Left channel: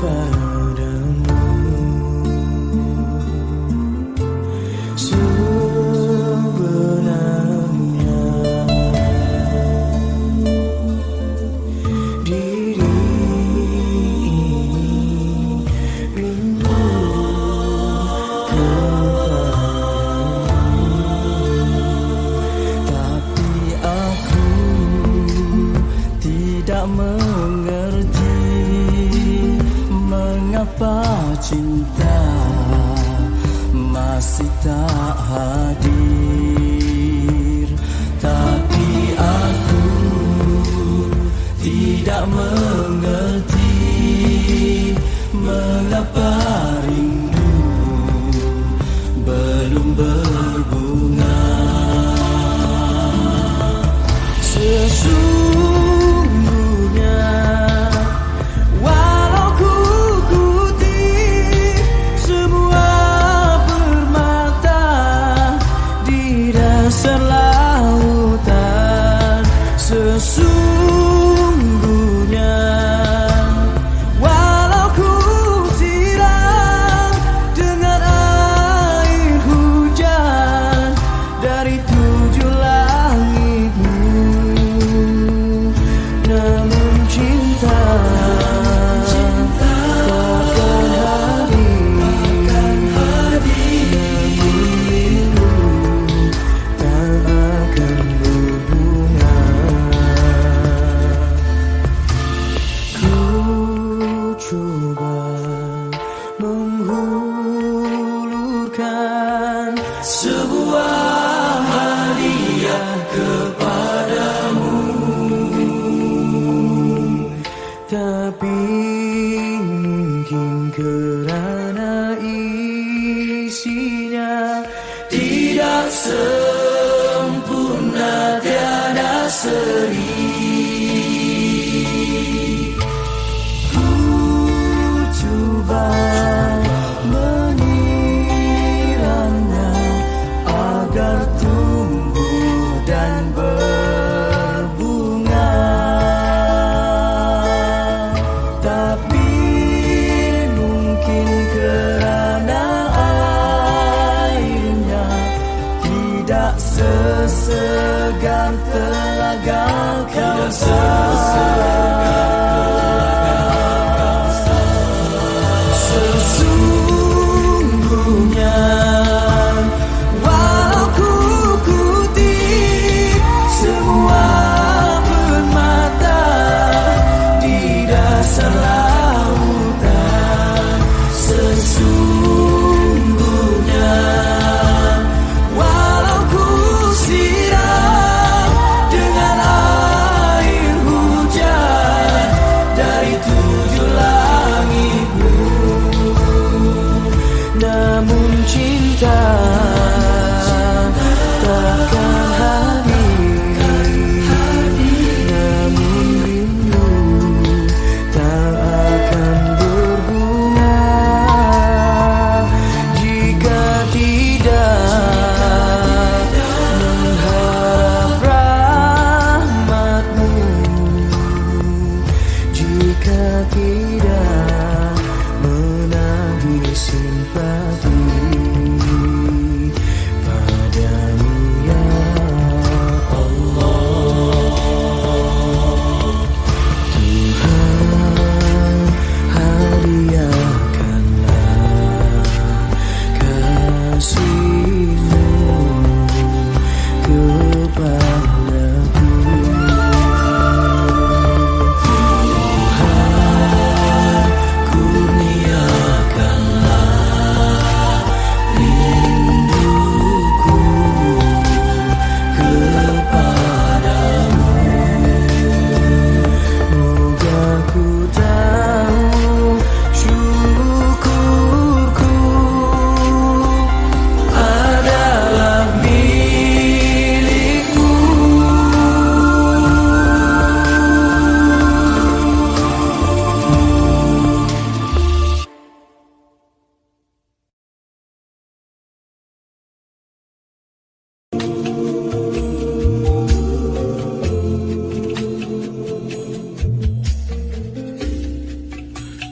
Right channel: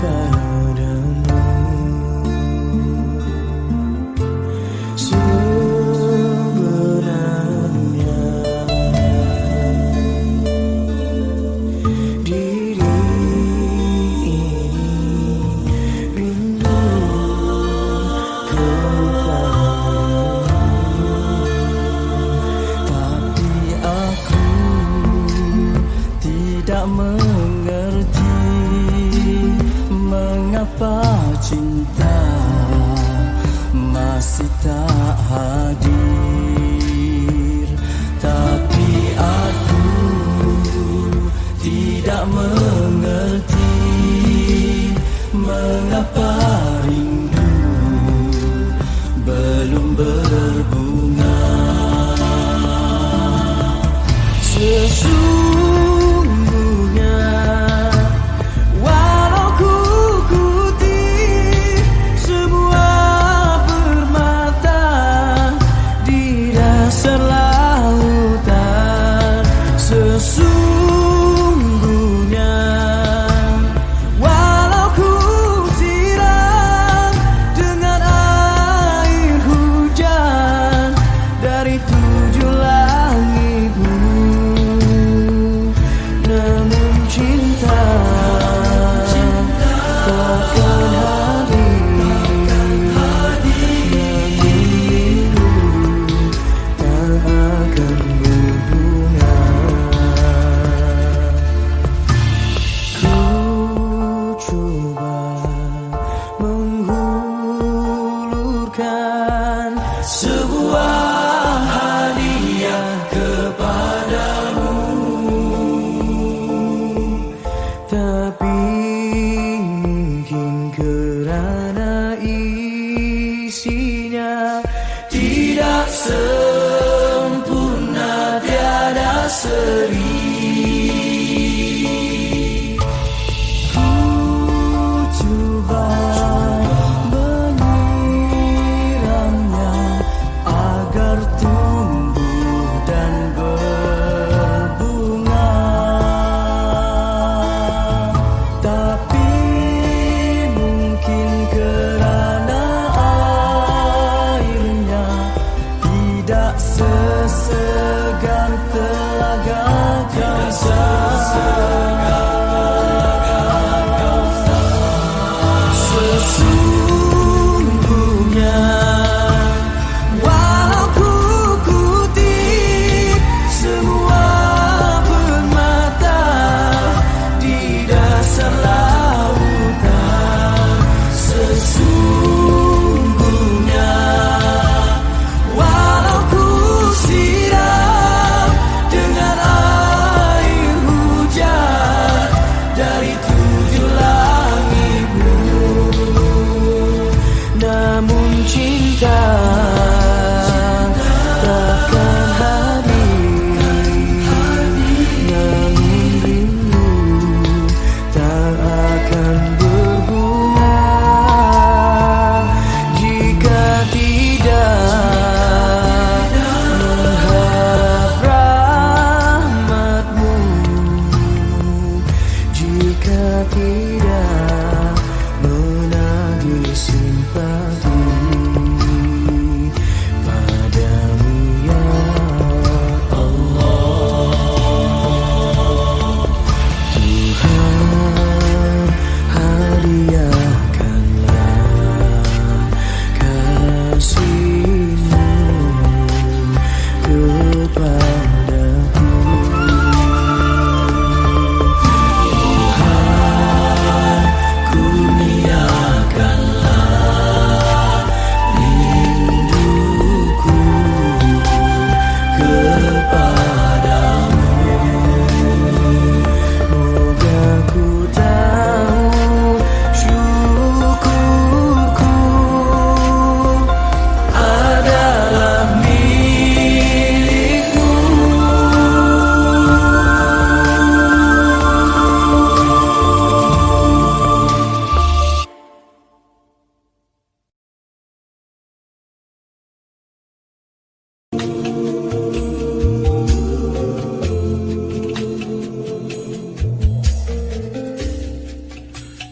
padamu. Sebenarnya diri ini rindu kepadamu, tapi aku tidak mengerti mengapa cinta masih tak hadir. Tapi aku tidak mengerti mengapa rindu belum berbunga. Sesungguhnya walau ku ikuti semua permata di dasar lautan, sesungguhnya walau ku siram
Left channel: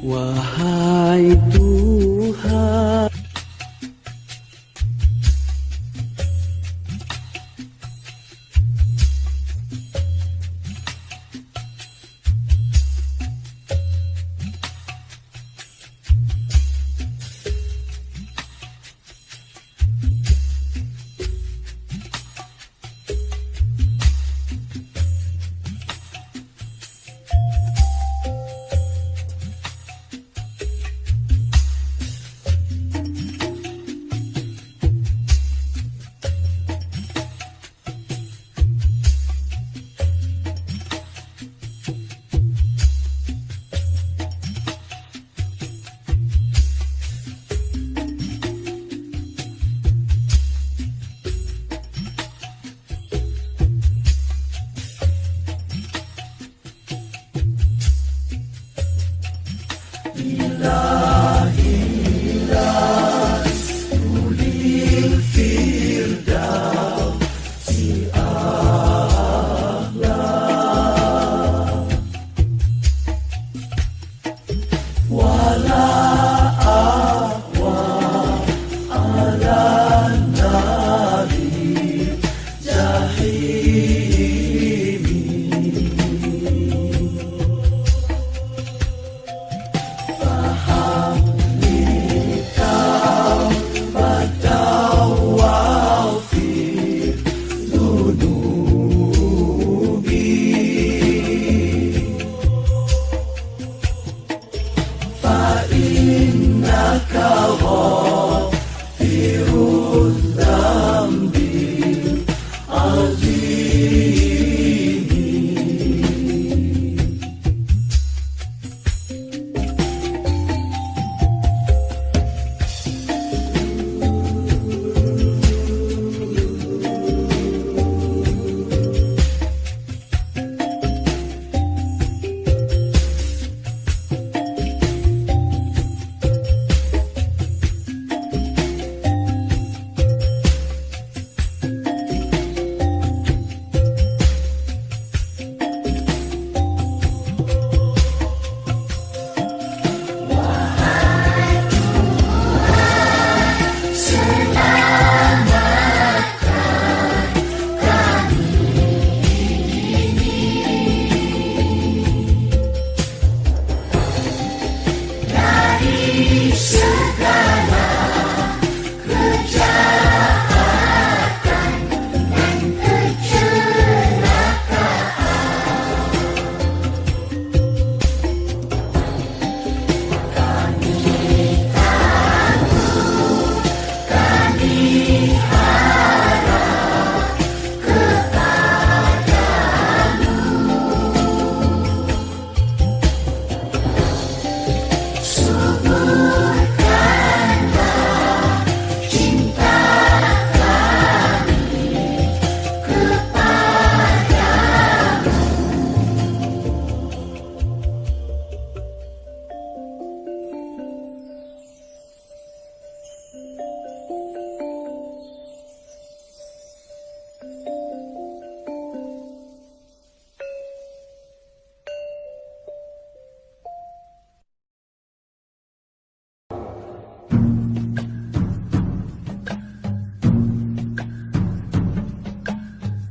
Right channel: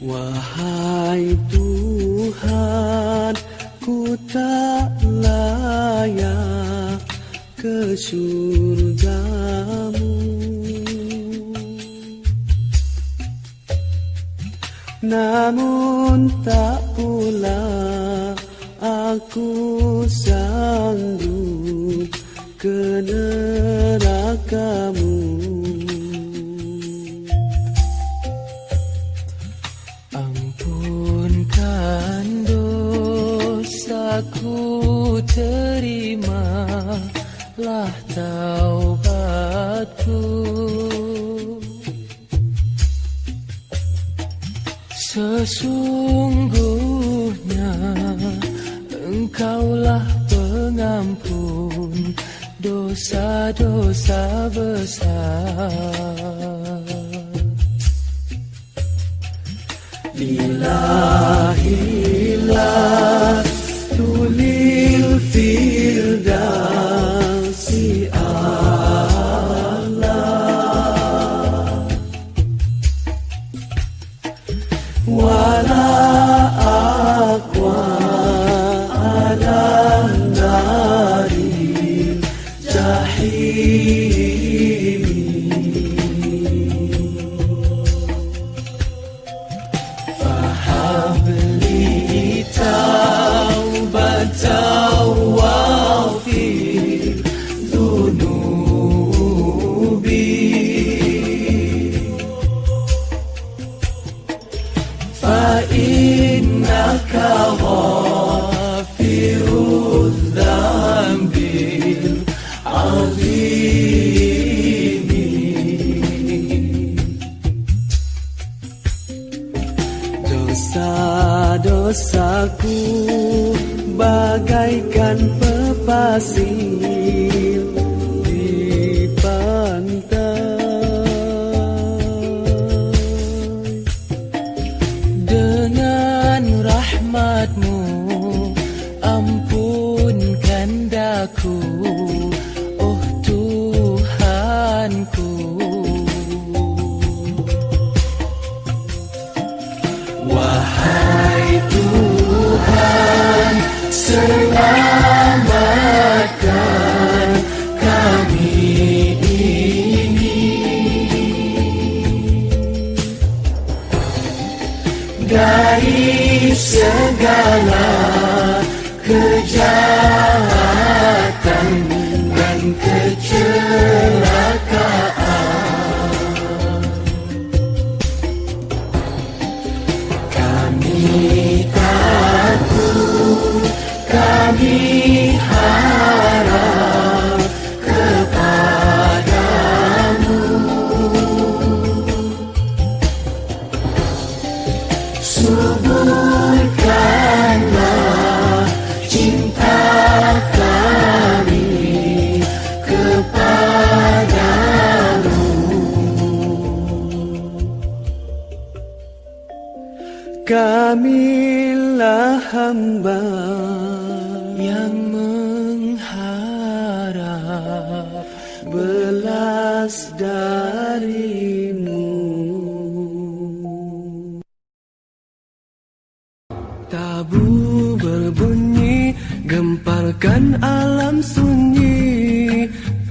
Wahai Tuhan, ku tak layak ke surgamu, namun tak pula aku sanggup ke nerakamu. Ampunkan dosaku, terimalah taubatku. Sesungguhnya Engkaulah pengampun dosa-dosa besar. Ilahilah tulil firdausi a'la, wala aqwa ala nari jahim. Fahabli taubatan waghfir dhunubi, fa innaka ghafirudz dzambil azim. Dosa-dosaku bagaikan pepasir di pantai, dengan rahmat-Mu ampunkan daku, oh Tuhanku. Wahai Tuhan, selamatkan kami ini dari segala kejahatan dan kecelakaan. Kami harap kepadamu, suburkanlah cinta kami kepadamu. Kamilah hamba yang mengharap belas darimu. Tabu berbunyi, gemparkan alam sunyi,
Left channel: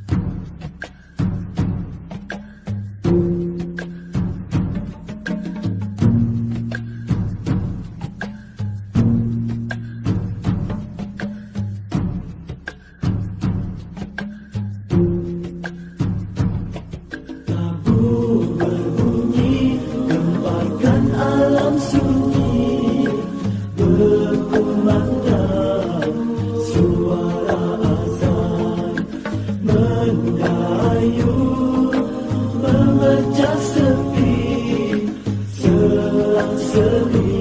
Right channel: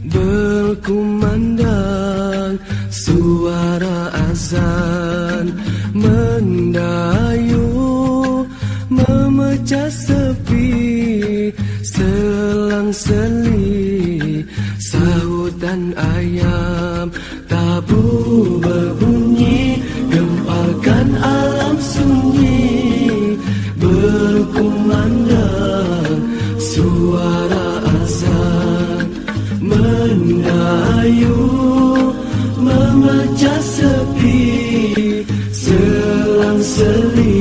berkumandang suara azan mendayu, memecah sepi, selang-seli sahutan ayam. Tabu berbunyi, gemparkan alam sunyi, berkumandang suara azan mendayu, memecah sepi, selang-seli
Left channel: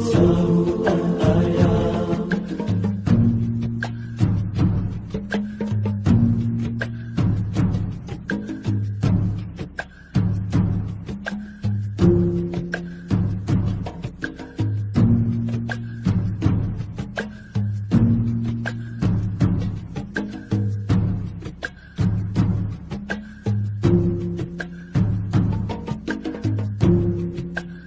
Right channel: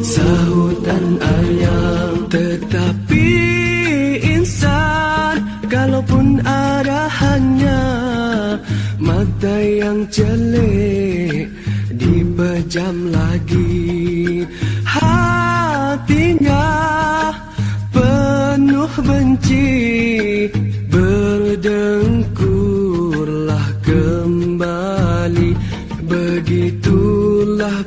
sahutan ayam. Tetapi insan, kalaupun arahannya mata yang jelek dipejam lagi, hatinya penuh benci, berdengkurlah kembali. Begitulah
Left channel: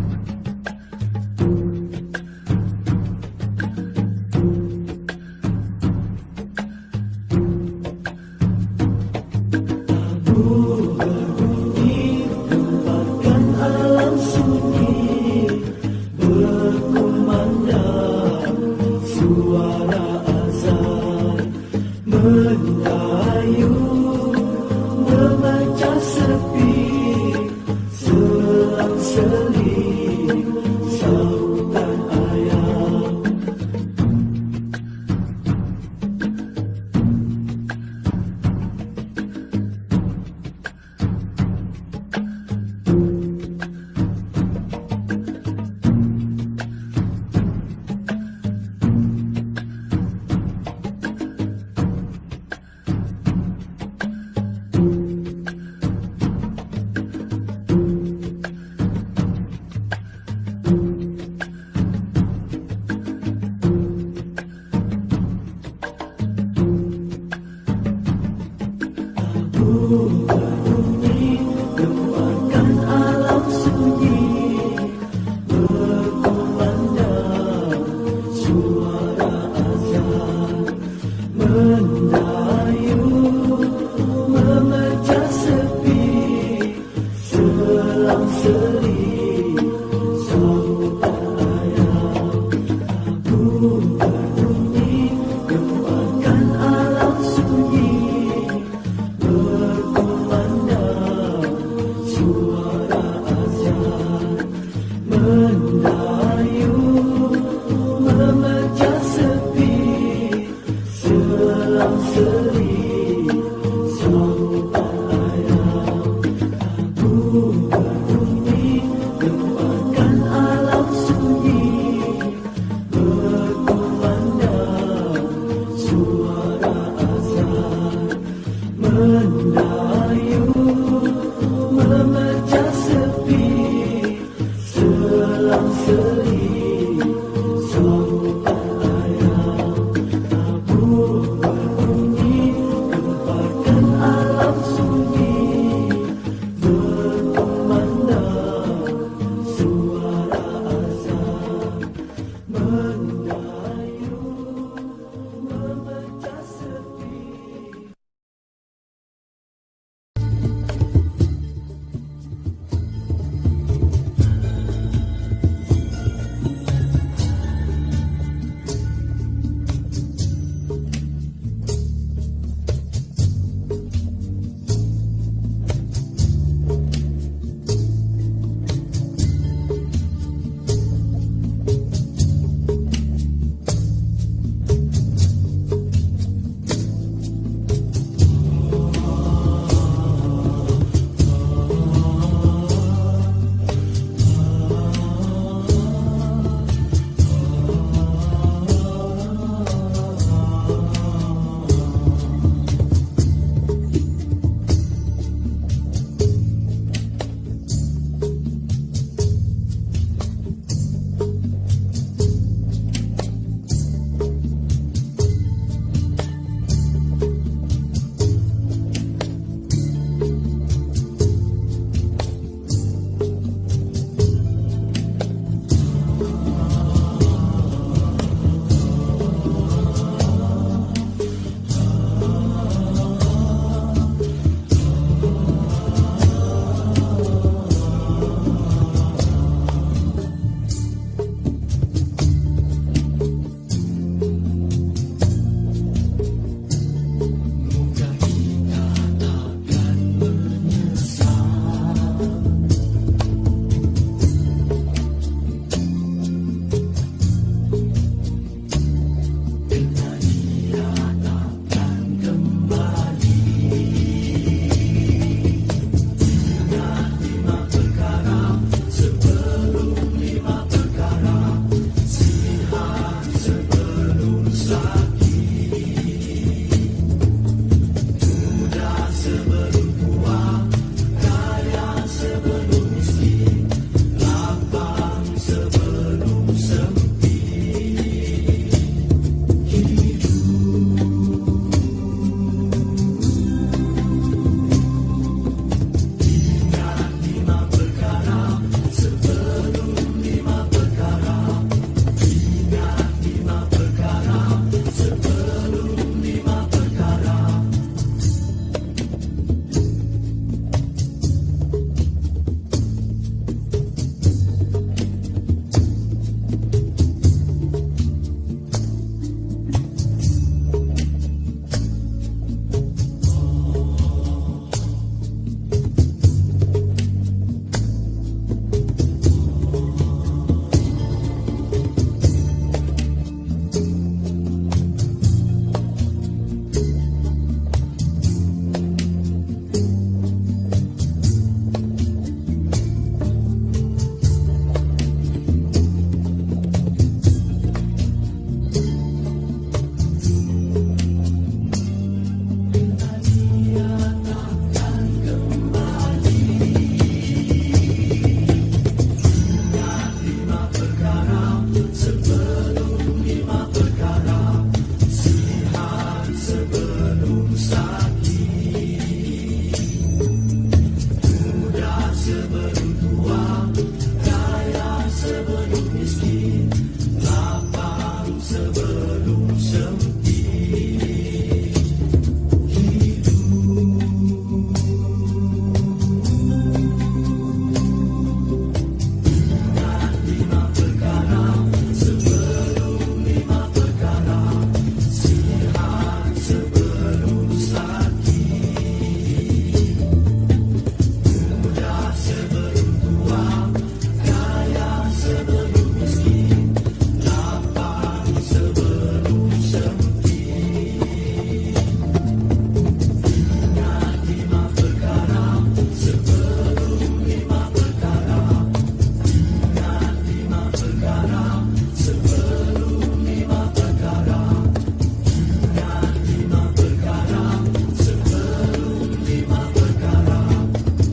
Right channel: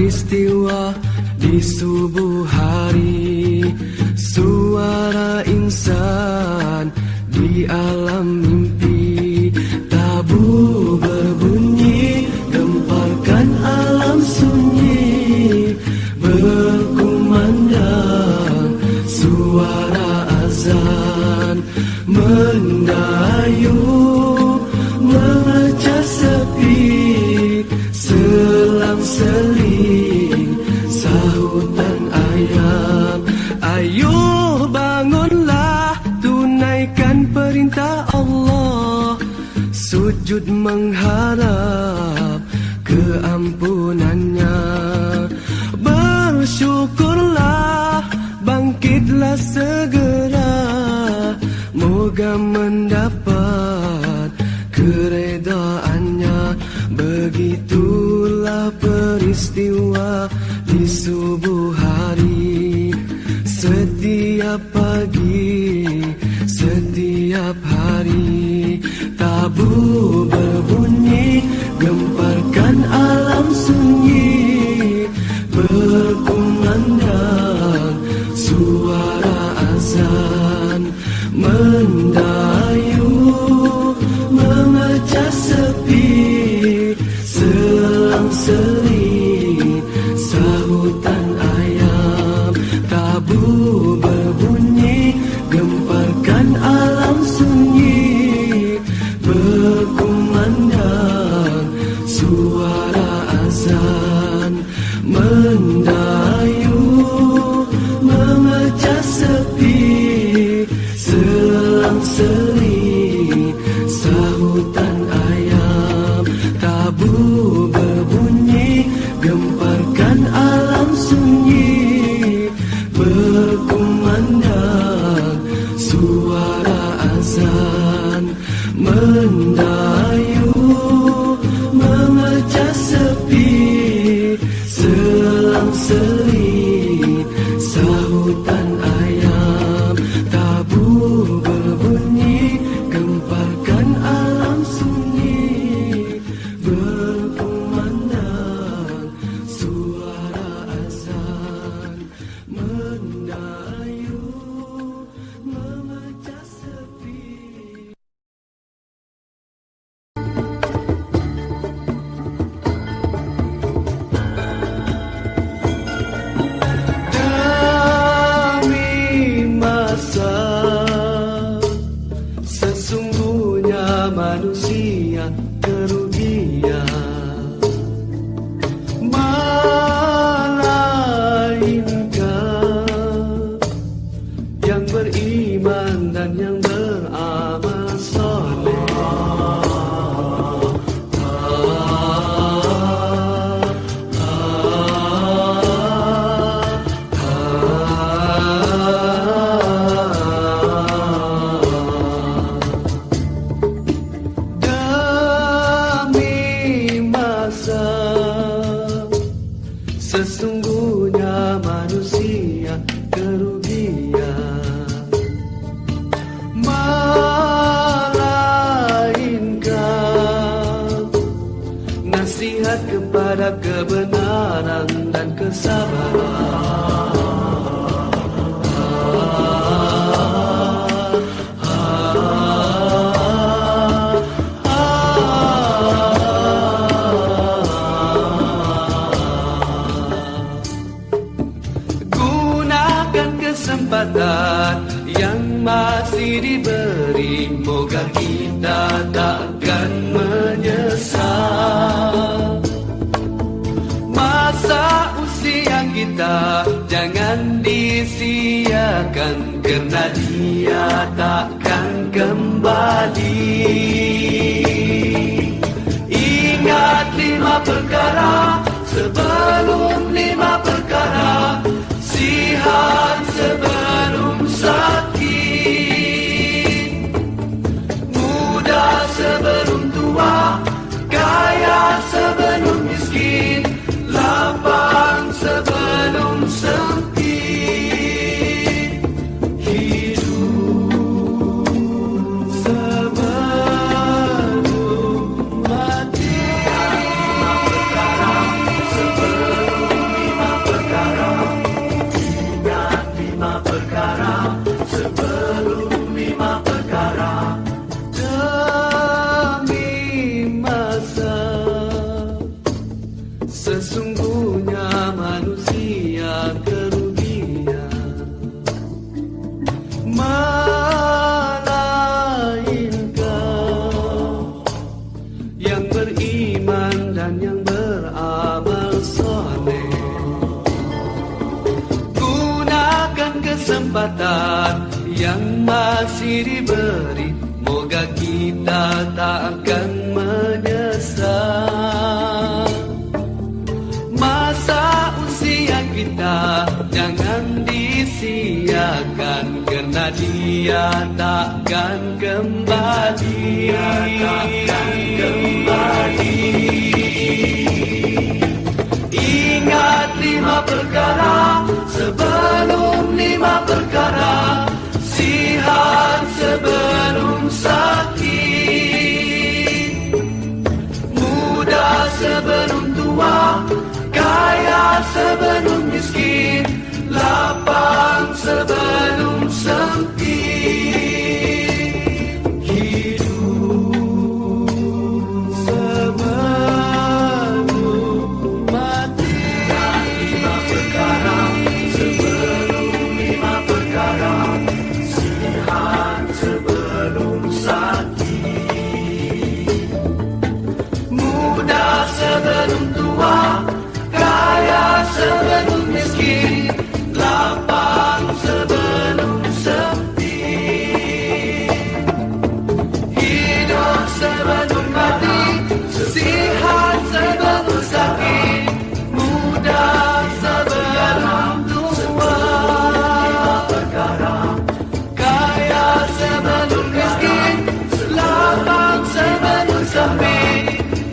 peristiwa di subuh hari, suara insan di alam mimpi. Tabu berbunyi, gemparkan alam sunyi, berkumandang suara azan, mendayu mengerja sepi, selang-seling sahutan ayam. Ayuh bangunlah, tunaikan perintah Allah, sujud mengharap keampunannya. Bersyukurlah, bangkitlah segera, moga mendapat keredaannya. Begitulah peristiwa di subuh hari, setiap pagi, setiap hari. Tabu berbunyi, gemparkan alam sunyi, berkumandang suara azan, mendayu memecah sepi, selang-seling sahutan ayam. Tabu berbunyi, gemparkan alam sunyi, berkumandang suara azan, mendayu memecah sepi, selang-seling sahutan ayam. Tabu berbunyi, gemparkan alam sunyi, berkumandang suara azan, mendayu memecah sepi, selang-seling sahutan ayam. Tabu berbunyi, gemparkan alam sunyi, berkumandang suara azan, mendayu memecah sepi. Demi masa, sesungguhnya manusia kerugian, melainkan yang beriman dan yang beramal soleh. Demi masa, sesungguhnya manusia kerugian, melainkan nasihat kepada kebenaran dan kesabaran. Gunakan kesempatan yang masih diberi, moga kita takkan menyesal. Masa usia kita jangan disia-siakan, kerana dia takkan kembali. Ingat 5 perkara sebelum 5 perkara, sihat sebelum sakit, muda sebelum tua, kaya sebelum miskin, lapang sebelum sempit. Hidup kesempatan yang masih diberi, moga kita tak akan menyesal. Masa usia kita jangan disia-siakan, karena dia takkan kembali. Ingat 5 perkara sebelum 5 perkara, sihat sebelum sakit, muda sebelum tua, kaya sebelum miskin, lapang sebelum sempit, hidup sebelum mati. 5 perkara sebelum 5 perkara, sihat sebelum sakit, muda sebelum tua, kaya sebelum miskin, lapang sebelum sempit, hidup sebelum mati, sihat sebelum sakit, muda sebelum tua, kaya sebelum miskin, lapang sebelum sempit,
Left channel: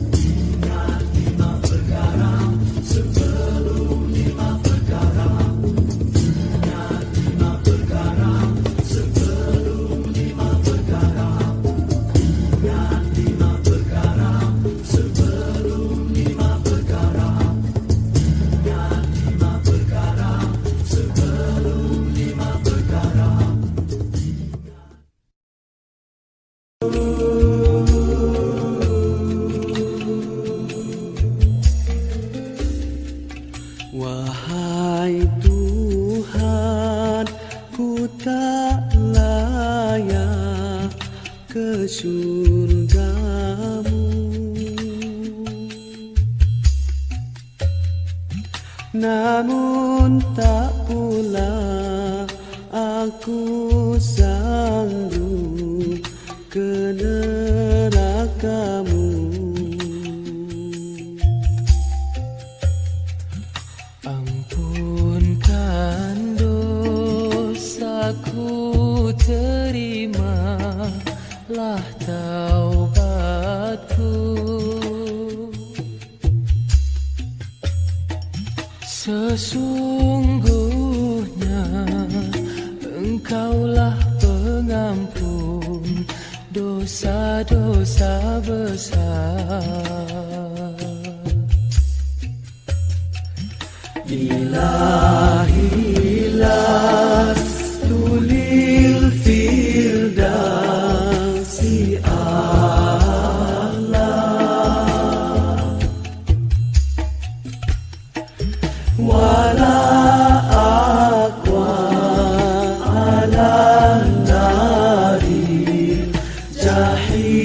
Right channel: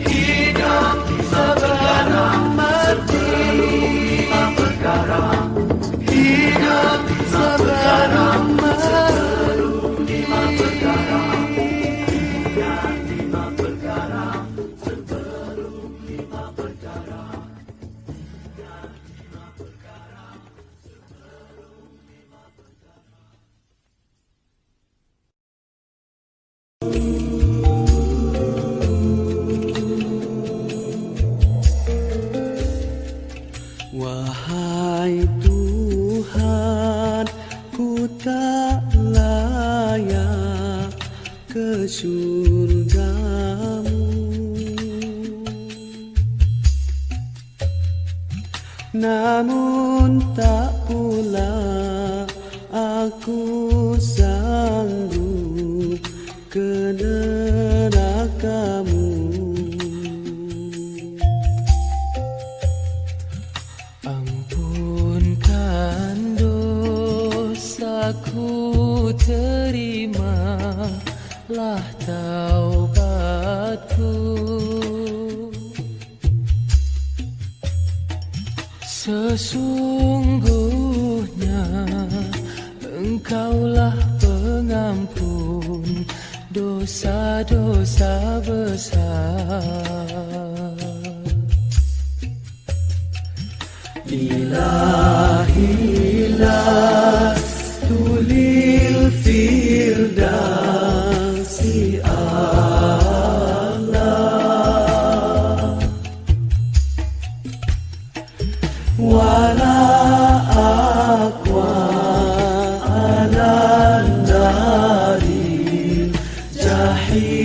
hidup sebelum mati. 5 perkara, hidup sebelum mati. 5 perkara, ingat 5 perkara sebelum 5 perkara, ingat 5 perkara sebelum 5 perkara. Wahai Tuhan, ku tak layak ke surgamu, namun tak pula aku sanggup ke nerakamu. Ampunkan dosaku, terimalah taubatku. Sesungguhnya Engkaulah pengampun dosa-dosa besar. Ilahilah tulil firdausi Allah, wala aqwa ala nari jahim.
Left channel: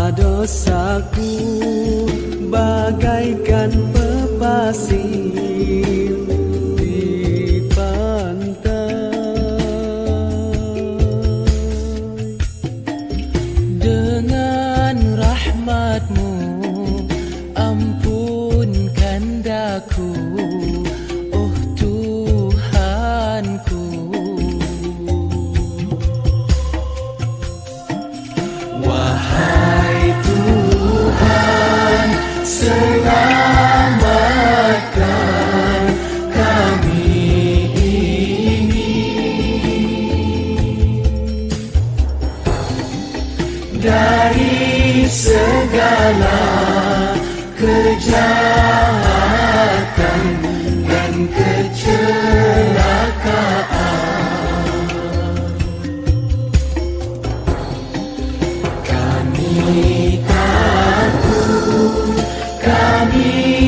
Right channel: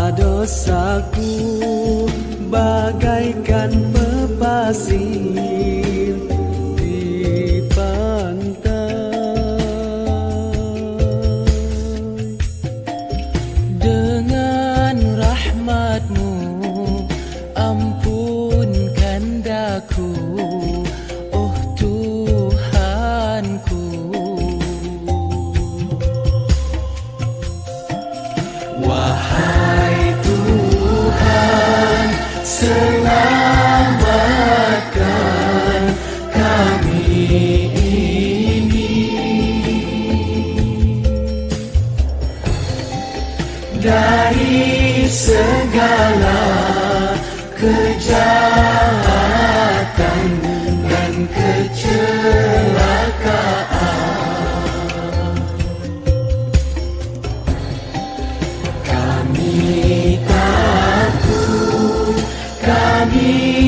Dosa-dosaku bagaikan pepasir di pantai. Dengan rahmat-Mu ampunkan daku, oh Tuhanku. Wahai Tuhan, selamatkan kami ini dari segala kejahatan dan kecelakaan. Kami takut, kami